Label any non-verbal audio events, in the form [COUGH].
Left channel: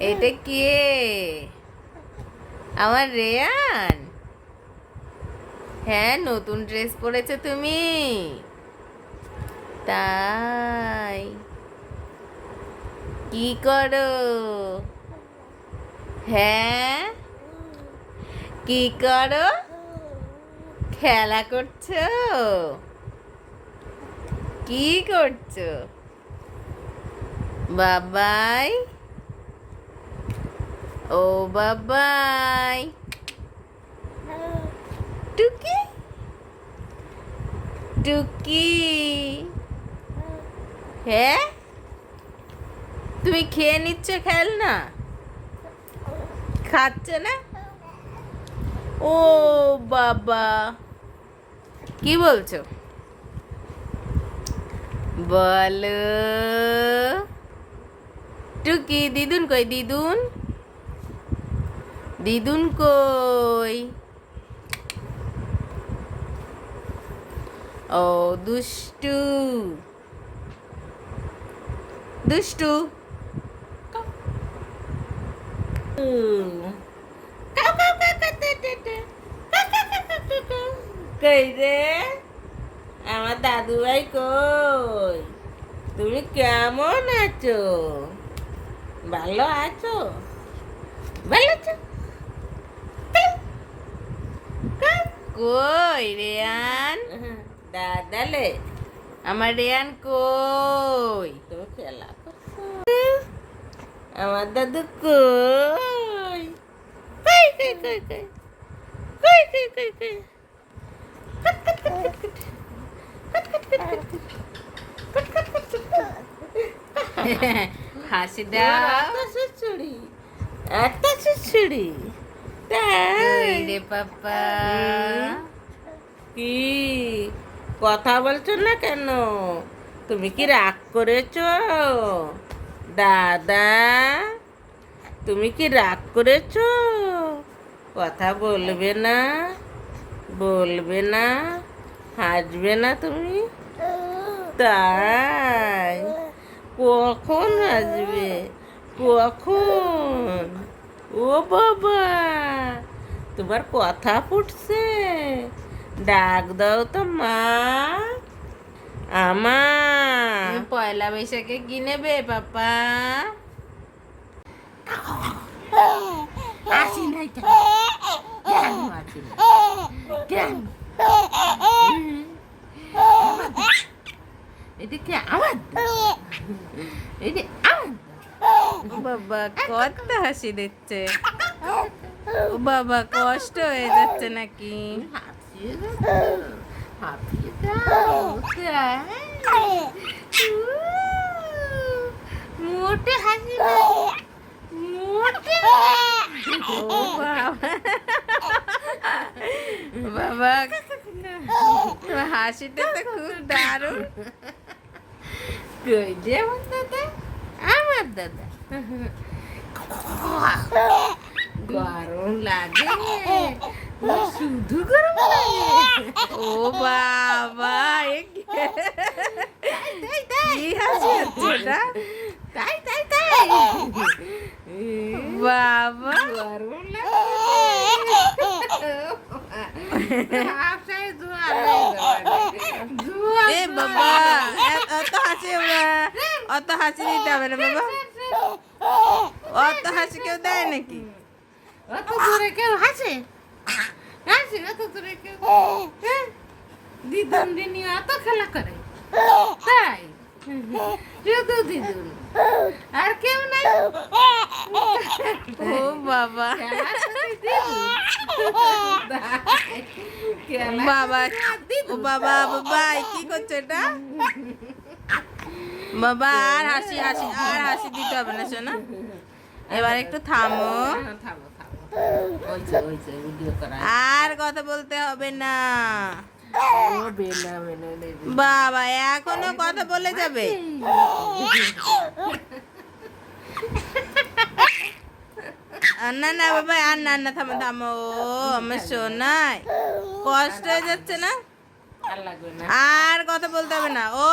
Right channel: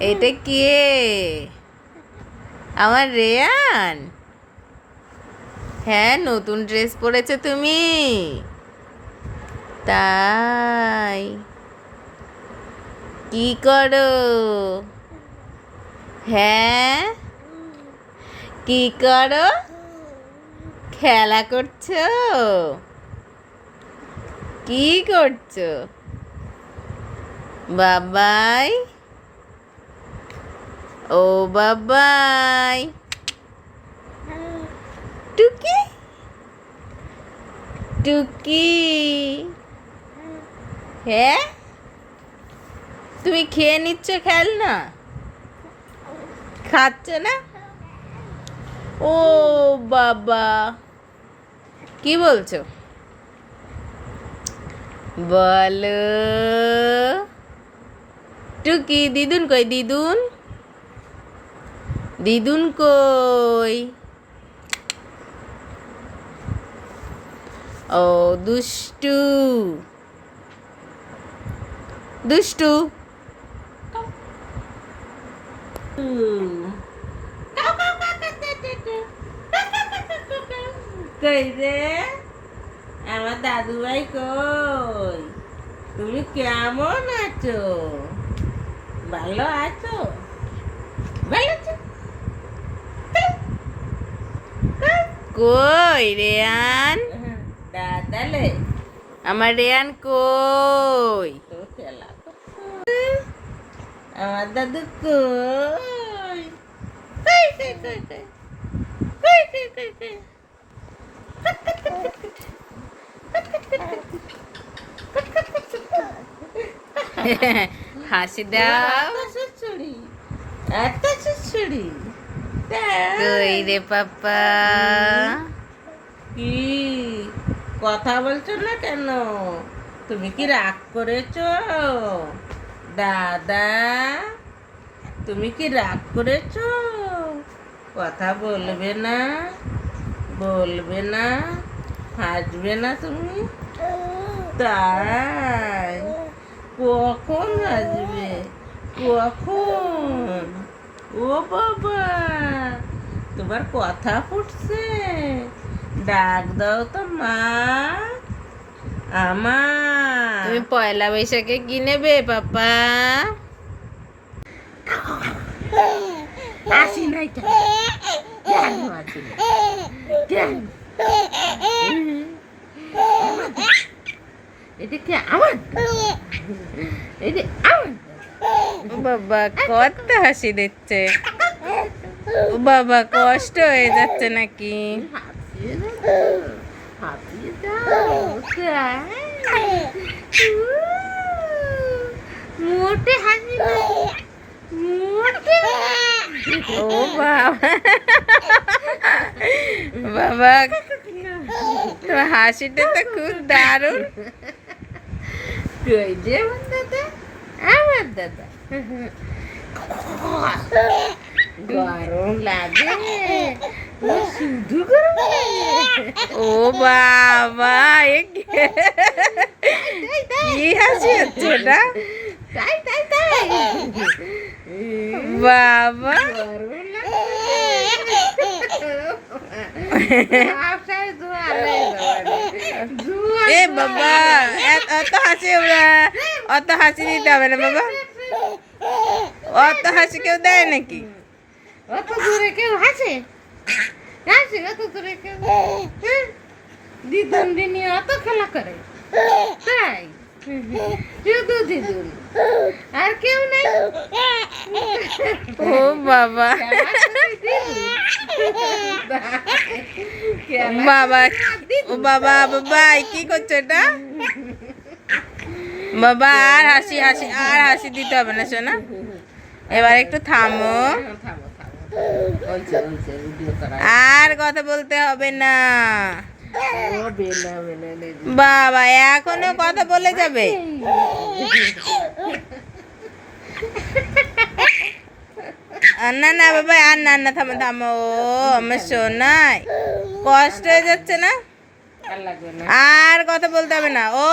এটা কে? আমার রেয়ান? হ্যাঁ নতুন ড্রেস পরেছো তুমি। তাই। কি করো? হ্যাঁ? কি করো? খেলা করছ? কি করছ? বাবাই। ও, বাবাই। টুকি? টুকি। হ্যাঁ? তুমি খেয়ে নিচ্ছ খেল না খাচ্ছে না? ও, বাবা। কি বলছো? বলো। টুকি, দিদুন কই? দিদুন? দিদুন কই? ও, দুষ্টু। দুষ্টু। কই রে? আমার দাদু ভাই কই? তুমি কেমন আছো? ভালো আছো? ভালো আছো? কই রেয়ান? হ্যাঁ, হ্যাঁ, দাদালে আমার রেয়ান কই? আমার দাদু কই? হাসি দাও। চুড়ি এত চুড়ি কই রে পাপা। কি? কথা বলছো না কেন? তুমি কি রাগ করেছ? দাদা তুমি কি রাগ করেছ? কথা বলবে না বলবে না হাসবে না তুমি? তাই। কখন আসবে কখন? ও বাবা তোমার কথা ফুটছে। ডাক দাও তো মা আমার। তুমি পয়লা বৈশাখে কি নেবে পাপা? আসি নাই কেন? আসি? কেন? এটা আমার এটা আমার বাবা কত হাসি দিচ্ছে। ও বাবা কষ্ট হয়ে যাচ্ছে নাকি? মোটে হাসি মোটে। ও বাবা। বাবা তোমার হাসিটা তো খুব দারুণ। কই যে দাদা আমার দাদা গরম লাগে ও শুধু গরম লাগে ও বাবা কি- হাসি হচ্ছে এটা তাই তাই তাই বাবা। [LAUGHS] এ বাবা এত- হাসি আমরা। অত হাসি দিতে হবে না বাবা। অত হাসি কেউ দেয় নাকি? অত দূরে কেউ হাসে? হাসে অত দূরে কেউ হ্যাঁ? দিদুন দিনি অত খেলা করে? তাই? শুধু দিদুন আর কেউ নাই? ও বাবা। বাবা ও বাবা বাবা কি করছ এটা? বাবা, আর হাসি হাসি, আর হাসি দিতে হবে না, শোনা। এবার একটু থামো। আর কথা বলতে হবে না। বাবা, এখনও কথা বলে যাবে। না না বাবা আর না না থামো থামো। আমার সোনাই, কষ্ট হয়ে যাচ্ছে না? আর কথা বলতে হবে না। ও